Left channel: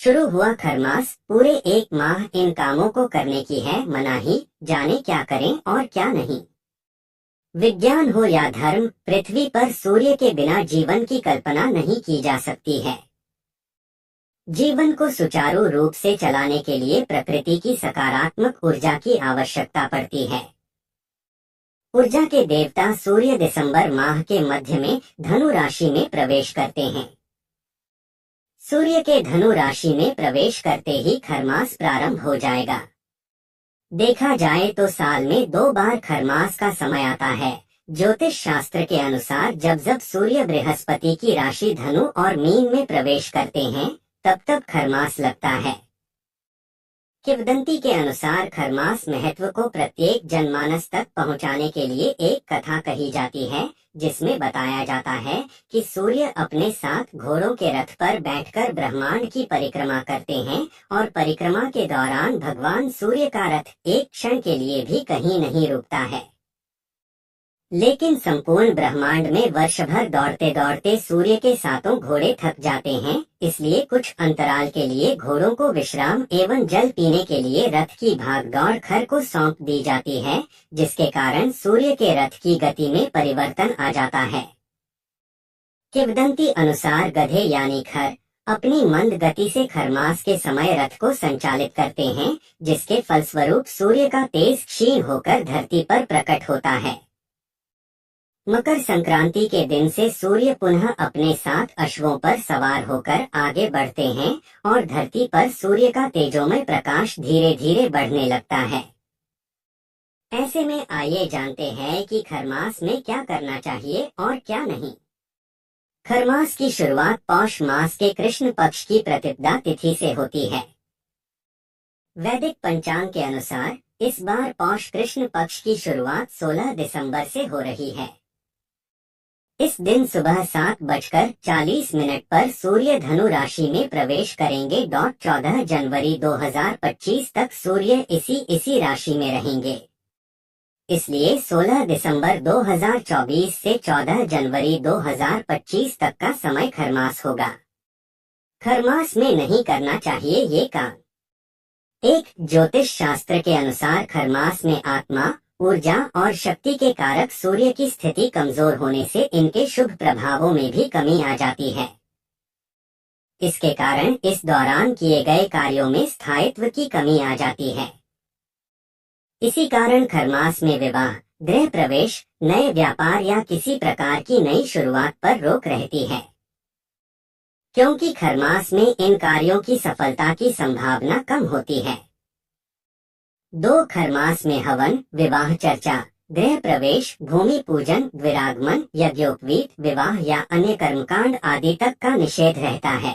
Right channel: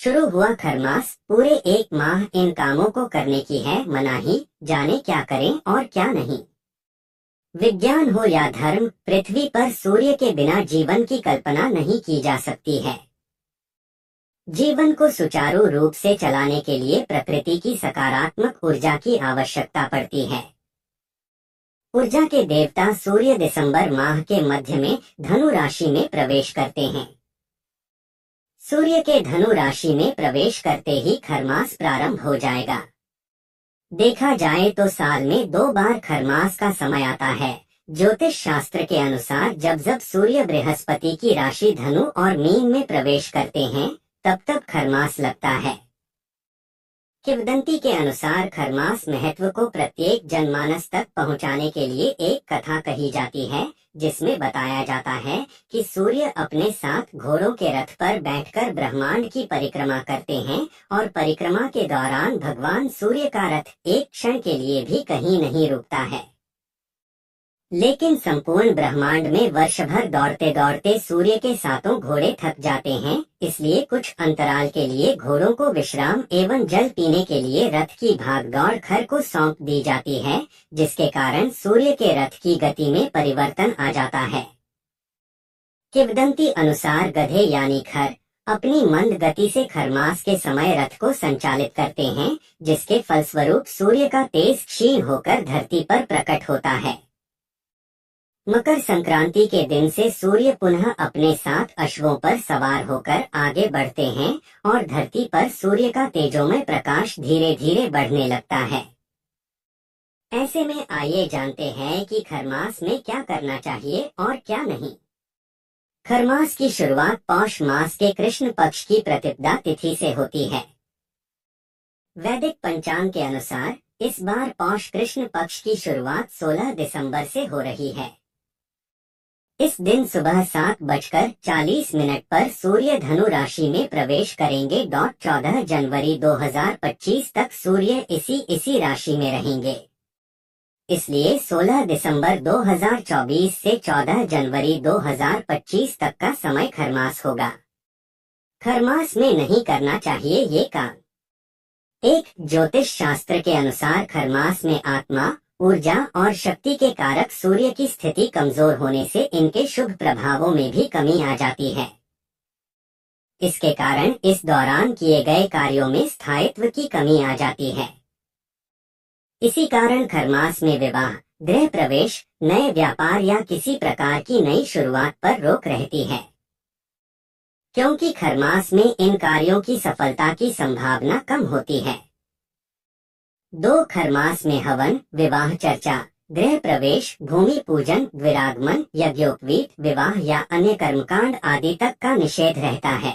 शुरू हुआ खरमास, पूरे एक माह इन कामों को करने की है मनाही, जाने क्या करें और क्या नहीं। विज्ञान हो या धर्म, पृथ्वी पर सूर्य के बिना जीवन की कल्पना नहीं की जा सकती है। जीवन को सुचारू रूप से चलाने के लिए प्रकृति की सकारात्मक ऊर्जा की आवश्यकता पड़ती है। ऊर्जा के देवता सूर्य दिसंबर माह के मध्य में धनु राशि में प्रवेश करते हैं। सूर्य के धनु राशि में प्रवेश करते ही खरमास प्रारंभ हो जाएगा। देखा जाए तो साल में 2 बार खरमास का समय आता है। ज्योतिष शास्त्र के अनुसार जब जब सूर्य बृहस्पति की राशि धनु और मीन में प्रवेश करते हैं तब तब खरमास लगता है। किंवदंती के अनुसार खरमास महत्व को प्रत्येक जनमानस तक पहुंचाने के लिए एक कथा कही जाती है, जिसमें बताया जाता है कि सूर्य अपने साथ घोड़ों के रथ पर बैठकर ब्रह्मांड की परिक्रमा करते हैं और परिक्रमा के दौरान भगवान सूर्य का रथ एक क्षण के लिए भी कहीं नहीं रुकता है। लेकिन संपूर्ण ब्रह्मांड में वर्ष भर दौड़ते दौड़ते सूर्य के सातों घोड़े थक जाते हैं, इसलिए कुछ अंतराल के लिए घोड़ों को विश्राम एवं जल पीने के लिए रथ की भागदौड़ खर को सौंप दी जाती है, जिसके कारण सूर्य के रथ की गति में परिवर्तन आ जाता है। किंवदंती अनुसार गधे यानी खर अपनी मंद गति से खरमास के समय रथ को संचालित करते हैं, जिसके फलस्वरूप सूर्य का तेज क्षीण होकर धरती पर प्रकट होता है। मकर संक्रांति के दिन से सूर्य पुनः अपने साथ अश्वों पर सवार होकर आगे बढ़ते हैं और धरती पर सूर्य का तेजोमय प्रकाश धीरे धीरे बढ़ने लगता है। ऐसे में आइए जानते हैं कि खरमास में क्या करना चाहिए और क्या नहीं। खरमास की शुरुआत पौष मास के कृष्ण पक्ष की प्रतिपदा तिथि से होती है। वैदिक पंचांग के अनुसार इस बार पौष कृष्ण पक्ष की शुरुआत 16 दिसंबर से हो रही है। इस दिन सुबह 7:40 पर सूर्य धनु राशि में प्रवेश करेंगे। 14 जनवरी 2025 तक सूर्य इसी राशि में रहेंगे। इसलिए 16 दिसंबर 2024 से 14 जनवरी 2025 तक का समय खरमास होगा। खरमास में नहीं करना चाहिए ये काम। एक ज्योतिष शास्त्र के अनुसार खरमास में आत्मा, ऊर्जा और शक्ति के कारक सूर्य की स्थिति कमजोर होने से इनके शुभ प्रभावों में भी कमी आ जाती है। इसके कारण इस दौरान किए गए कार्यों में स्थायित्व की कमी आ जाती है। इसी कारण खरमास में विवाह, गृह प्रवेश, नए व्यापार या किसी प्रकार की नई शुरुआत पर रोक रहती है, क्योंकि खरमास में इन कार्यों की सफलता की संभावना कम होती है। 2 खरमास में हवन, विवाह चर्चा, गृह प्रवेश, भूमि पूजन, द्विरागमन, यज्ञोपवीत, विवाह या अन्य कर्मकांड आदि तक का निषेध रहता है।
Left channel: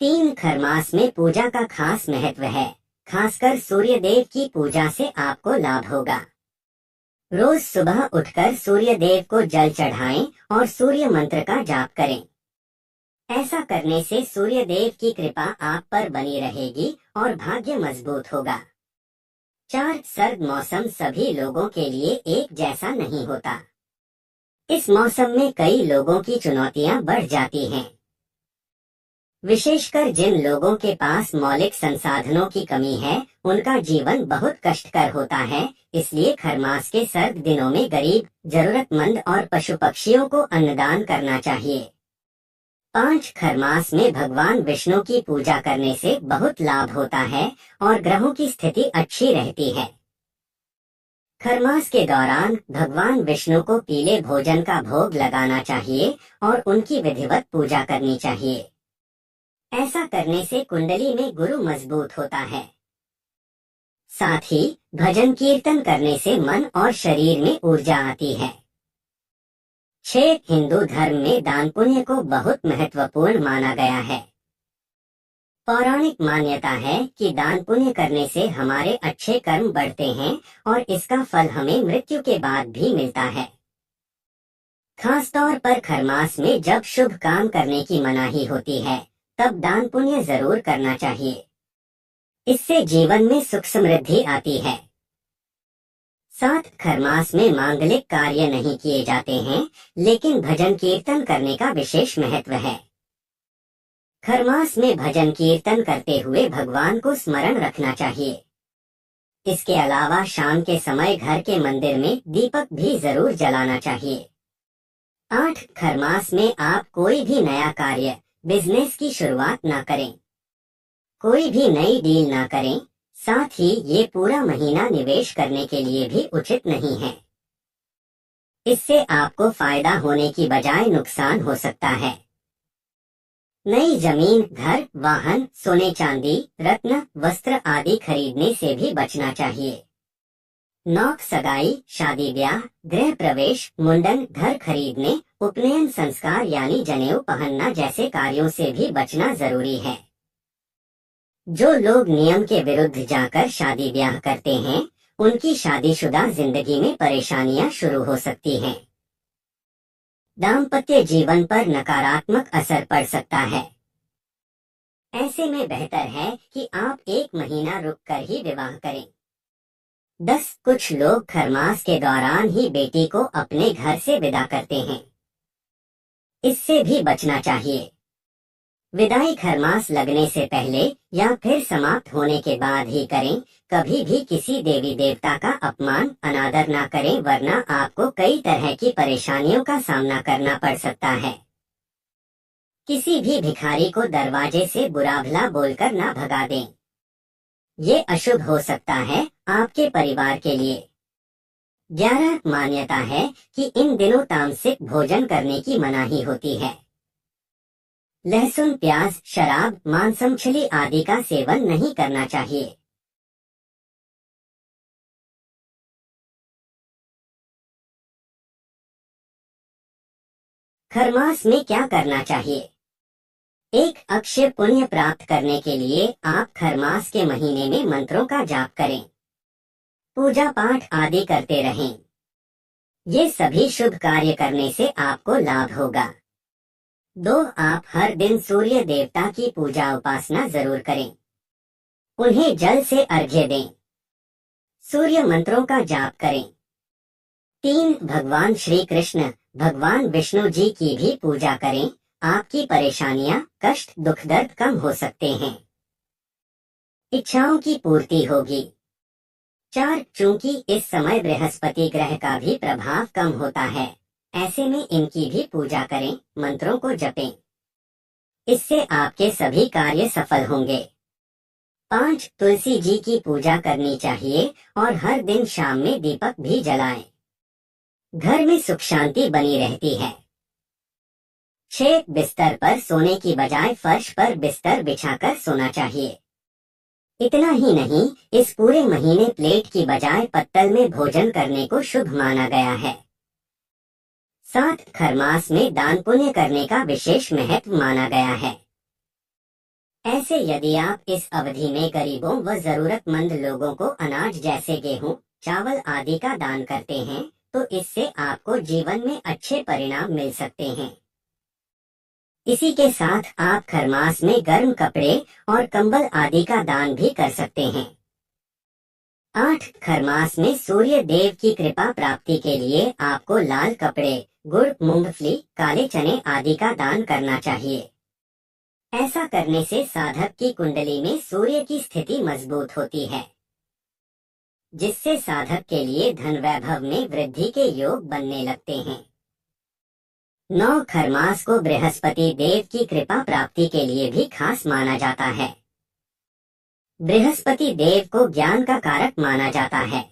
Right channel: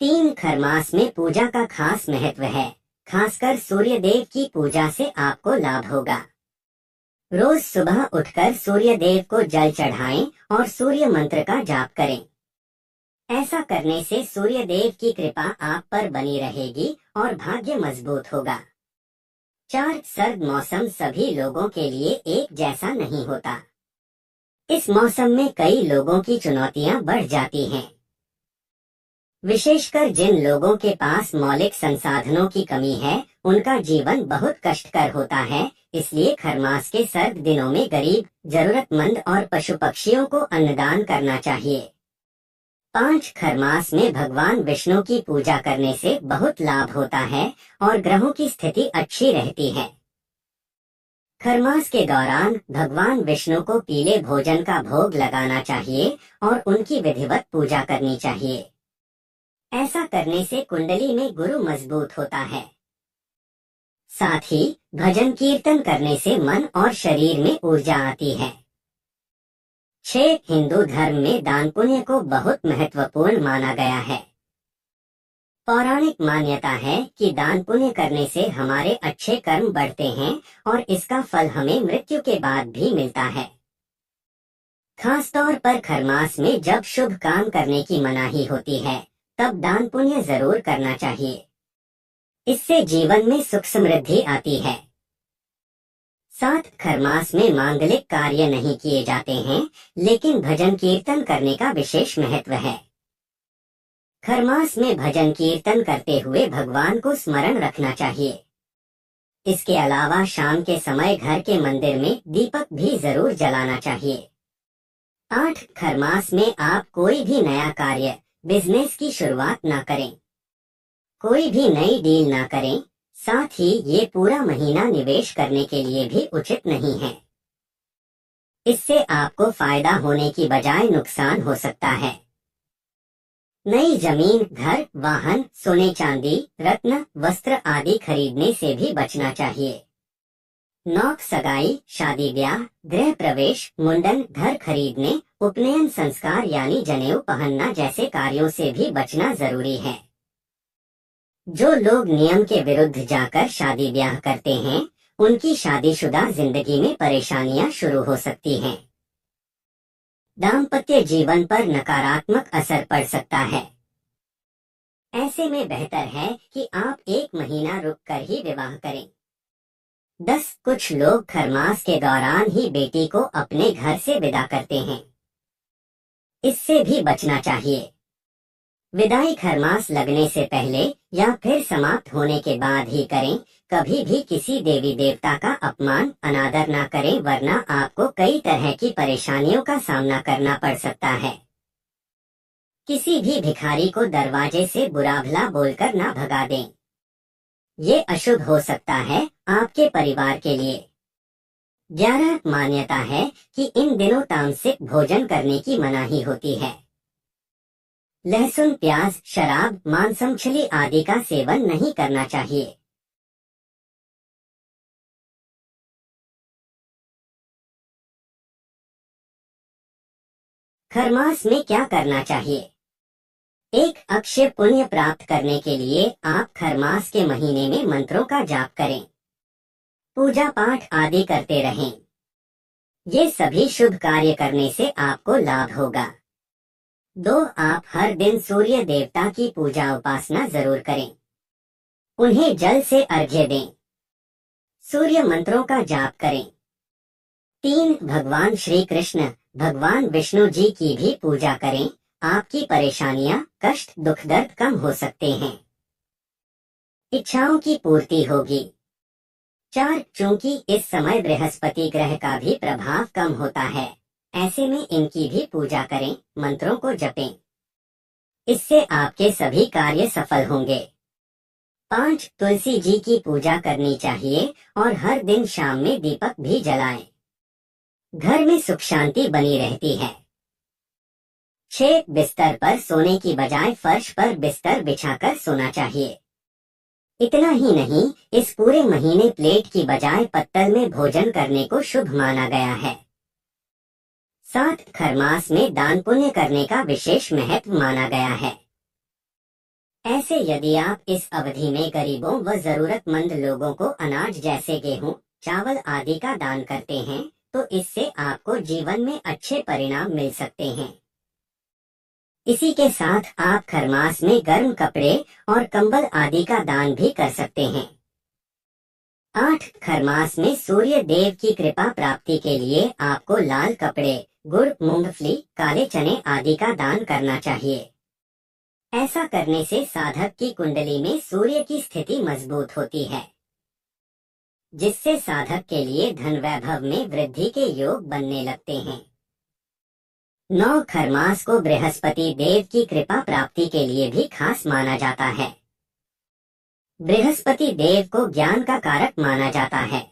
तीन खरमास में पूजा का खास महत्व है। खासकर सूर्य देव की पूजा से आपको लाभ होगा। रोज सुबह उठकर सूर्य देव को जल चढ़ाएं और सूर्य मंत्र का जाप करें। ऐसा करने से सूर्य देव की कृपा आप पर बनी रहेगी और भाग्य मजबूत होगा। 4 सर्द मौसम सभी लोगों के लिए एक जैसा नहीं होता। इस मौसम में कई लोगों की चुनौतियां बढ़ जाती हैं। विशेषकर जिन लोगों के पास मौलिक संसाधनों की कमी है, उनका जीवन बहुत कष्टकर होता है। इसलिए खरमास के सर्द दिनों में गरीब, जरूरतमंद और पशु पक्षियों को अन्नदान करना चाहिए। 5 खरमास में भगवान विष्णु की पूजा करने से बहुत लाभ होता है और ग्रहों की स्थिति अच्छी रहती है। खरमास के दौरान भगवान विष्णु को पीले भोजन का भोग लगाना चाहिए और उनकी विधिवत पूजा करनी चाहिए। ऐसा करने से कुंडली में गुरु मजबूत होता है। साथ ही भजन कीर्तन करने से मन और शरीर में ऊर्जा आती है। 6 हिंदू धर्म में दान पुण्य को बहुत महत्वपूर्ण माना गया है। पौराणिक मान्यता है कि दान पुण्य करने से हमारे अच्छे कर्म बढ़ते हैं और इसका फल हमें मृत्यु के बाद भी मिलता है। खासतौर पर खरमास में जब शुभ काम करने की मनाही होती है, तब दान पुण्य जरूर करना चाहिए। इससे जीवन में सुख समृद्धि आती है। साथ खरमास में मांगलिक कार्य नहीं किए जाते हैं, लेकिन भजन कीर्तन करने का विशेष महत्व है। खरमास में भजन कीर्तन करते हुए भगवान को स्मरण रखना चाहिए। इसके अलावा शाम के समय घर के मंदिर में दीपक भी जरूर जलाना चाहिए। 8 खरमास में आप कोई भी नया कार्य, बिजनेस की शुरुआत ना करें। कोई भी नई डील ना करें। साथ ही ये पूरा महीना निवेश करने के लिए भी उचित नहीं है। इससे आपको फायदा होने की बजाय नुकसान हो सकता है। नई जमीन, घर, वाहन, सोने चांदी, रत्न, वस्त्र आदि खरीदने से भी बचना चाहिए। नौक सगाई, शादी ब्याह, गृह प्रवेश, मुंडन, घर खरीदने, उपनयन संस्कार यानी जनेऊ पहनना जैसे कार्यों से भी बचना जरूरी है। जो लोग नियम के विरुद्ध जाकर शादी ब्याह करते हैं, उनकी शादीशुदा जिंदगी में परेशानियां शुरू हो सकती हैं। दाम्पत्य जीवन पर नकारात्मक असर पड़ सकता है। ऐसे में बेहतर है कि आप 1 महीना रुककर ही विवाह करें। 10 कुछ लोग खरमास के दौरान ही बेटी को अपने घर से विदा करते हैं। इससे भी बचना चाहिए। विदाई खरमास लगने से पहले या फिर समाप्त होने के बाद ही करें। कभी भी किसी देवी देवता का अपमान, अनादर ना करें, वरना आपको कई तरह की परेशानियों का सामना करना पड़ सकता है। किसी भी भिखारी को दरवाजे से बुरा भला बोलकर ना भगा दें। ये अशुभ हो सकता है आपके परिवार के लिए। 11 मान्यता है कि इन दिनों तामसिक भोजन करने की मनाही होती है। लहसुन, प्याज, शराब, मांस, मछली आदि का सेवन नहीं करना चाहिए। खरमास में क्या करना चाहिए? एक अक्षय पुण्य प्राप्त करने के लिए आप खरमास के महीने में मंत्रों का जाप करें, पूजा पाठ आदि करते रहें। ये सभी शुभ कार्य करने से आपको लाभ होगा। 2 आप हर दिन सूर्य देवता की पूजा उपासना जरूर करें। उन्हें जल से अर्घ्य दें। सूर्य मंत्रों का जाप करें। 3 भगवान श्री कृष्ण, भगवान विष्णु जी की भी पूजा करें। आपकी परेशानियां, कष्ट, दुख दर्द कम हो सकते हैं। इच्छाओं की पूर्ति होगी। 4 चूंकि इस समय बृहस्पति ग्रह का भी प्रभाव कम होता है, ऐसे में इनकी भी पूजा करें, मंत्रों को जपें। इससे आपके सभी कार्य सफल होंगे। 5 तुलसी जी की पूजा करनी चाहिए और हर दिन शाम में दीपक भी जलाएं। घर में सुख शांति बनी रहती है। 6 बिस्तर पर सोने की बजाय फर्श पर बिस्तर बिछाकर सोना चाहिए। इतना ही नहीं, इस पूरे महीने प्लेट की बजाय पत्तल में भोजन करने को शुभ माना गया है। 7 खरमास में दान पुण्य करने का विशेष महत्व माना गया है। ऐसे यदि आप इस अवधि में गरीबों व जरूरतमंद लोगों को अनाज जैसे गेहूं, चावल आदि का दान करते हैं, तो इससे आपको जीवन में अच्छे परिणाम मिल सकते हैं। इसी के साथ आप खरमास में गर्म कपड़े और कंबल आदि का दान भी कर सकते हैं। 8 खरमास में सूर्य देव की कृपा प्राप्ति के लिए आपको लाल कपड़े, गुड़, मूंगफली, काले चने आदि का दान करना चाहिए। ऐसा करने से साधक की कुंडली में सूर्य की स्थिति मजबूत होती है, जिससे साधक के लिए धन वैभव में वृद्धि के योग बनने लगते हैं। 9 खरमास को बृहस्पति देव की कृपा प्राप्ति के लिए भी खास माना जाता है। बृहस्पति देव को ज्ञान का कारक माना जाता है।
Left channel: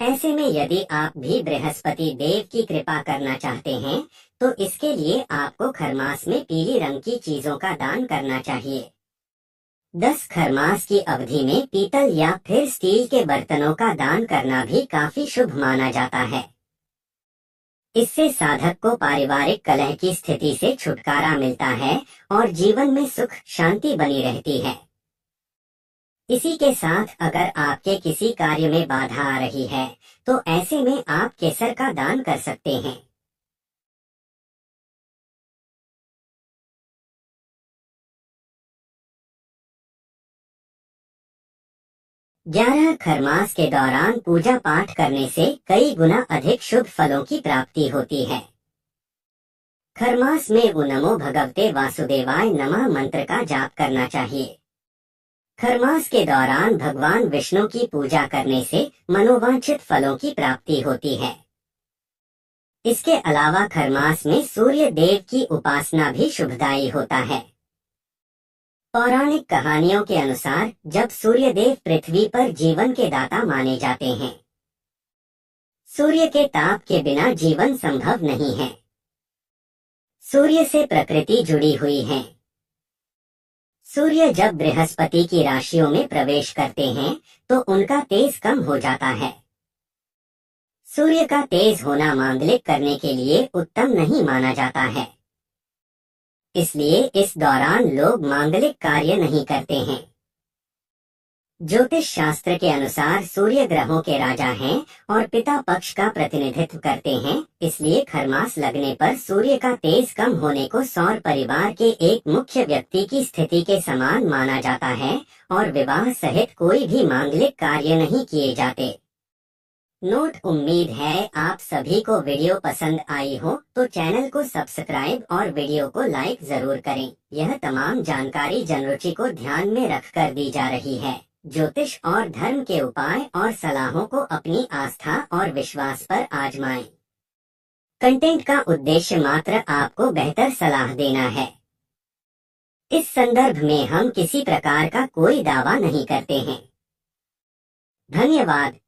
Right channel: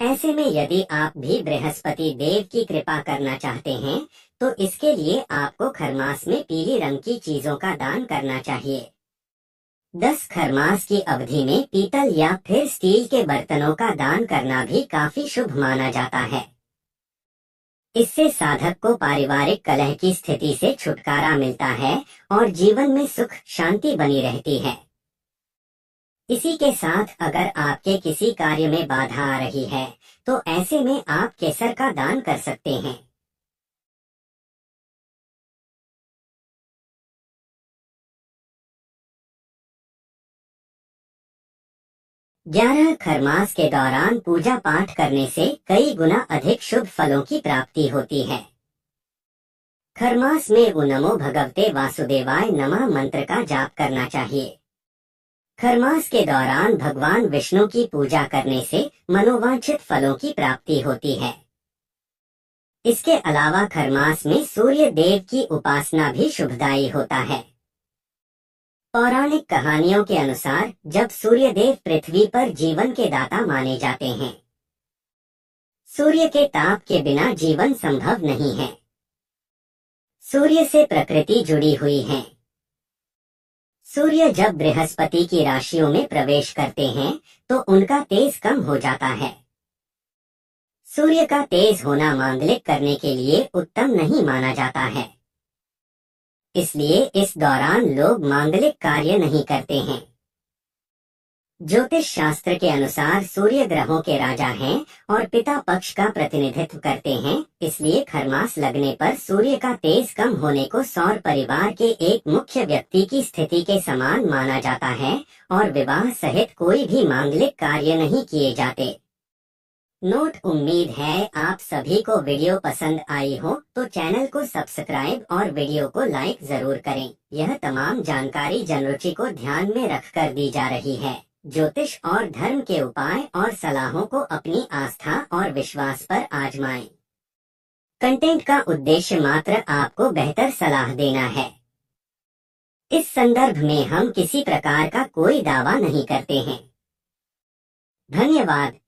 ऐसे में यदि आप भी बृहस्पति देव की कृपा करना चाहते हैं, तो इसके लिए आपको खरमास में पीली रंग की चीजों का दान करना चाहिए। 10 खरमास की अवधि में पीतल या फिर स्टील के बर्तनों का दान करना भी काफी शुभ माना जाता है। इससे साधक को पारिवारिक कलह की स्थिति से छुटकारा मिलता है और जीवन में सुख शांति बनी रहती है। इसी के साथ अगर आपके किसी कार्य में बाधा आ रही है, तो ऐसे में आप केसर का दान कर सकते हैं। 11 खरमास के दौरान पूजा पाठ करने से कई गुना अधिक शुभ फलों की प्राप्ति होती है। खरमास में वो नमो भगवते वासुदेवाय नमः मंत्र का जाप करना चाहिए। खरमास के दौरान भगवान विष्णु की पूजा करने से मनोवांछित फलों की प्राप्ति होती है। इसके अलावा खरमास में सूर्य देव की उपासना भी शुभदायी होता है। पौराणिक कहानियों के अनुसार जब सूर्यदेव पृथ्वी पर जीवन के दाता माने जाते हैं। सूर्य के ताप के बिना जीवन संभव नहीं है। सूर्य से प्रकृति जुड़ी हुई है। सूर्य जब बृहस्पति की राशियों में प्रवेश करते हैं तो उनका तेज कम हो जाता है। सूर्य का तेज होना मांगलिक करने के लिए उत्तम नहीं माना जाता है। इसलिए इस दौरान लोग मांगलिक कार्य नहीं करते हैं। ज्योतिष शास्त्र के अनुसार सूर्य ग्रहों के राजा हैं और पिता पक्ष का प्रतिनिधित्व करते हैं। इसलिए खरमास लगने पर सूर्य का तेज कम होने को सौर परिवार के एक मुख्य व्यक्ति की स्थिति के समान माना जाता है और विवाह सहित कोई भी मांगलिक कार्य नहीं किए जाते। नोट, उम्मीद है आप सभी को वीडियो पसंद आई हो तो चैनल को सब्सक्राइब और वीडियो को लाइक जरूर करें। यह तमाम जानकारी जनरुचि को ध्यान में रखकर दी जा रही है। ज्योतिष और धर्म के उपाय और सलाहों को अपनी आस्था और विश्वास पर आजमाएं। कंटेंट का उद्देश्य मात्र आपको बेहतर सलाह देना है। इस संदर्भ में हम किसी प्रकार का कोई दावा नहीं करते हैं। धन्यवाद।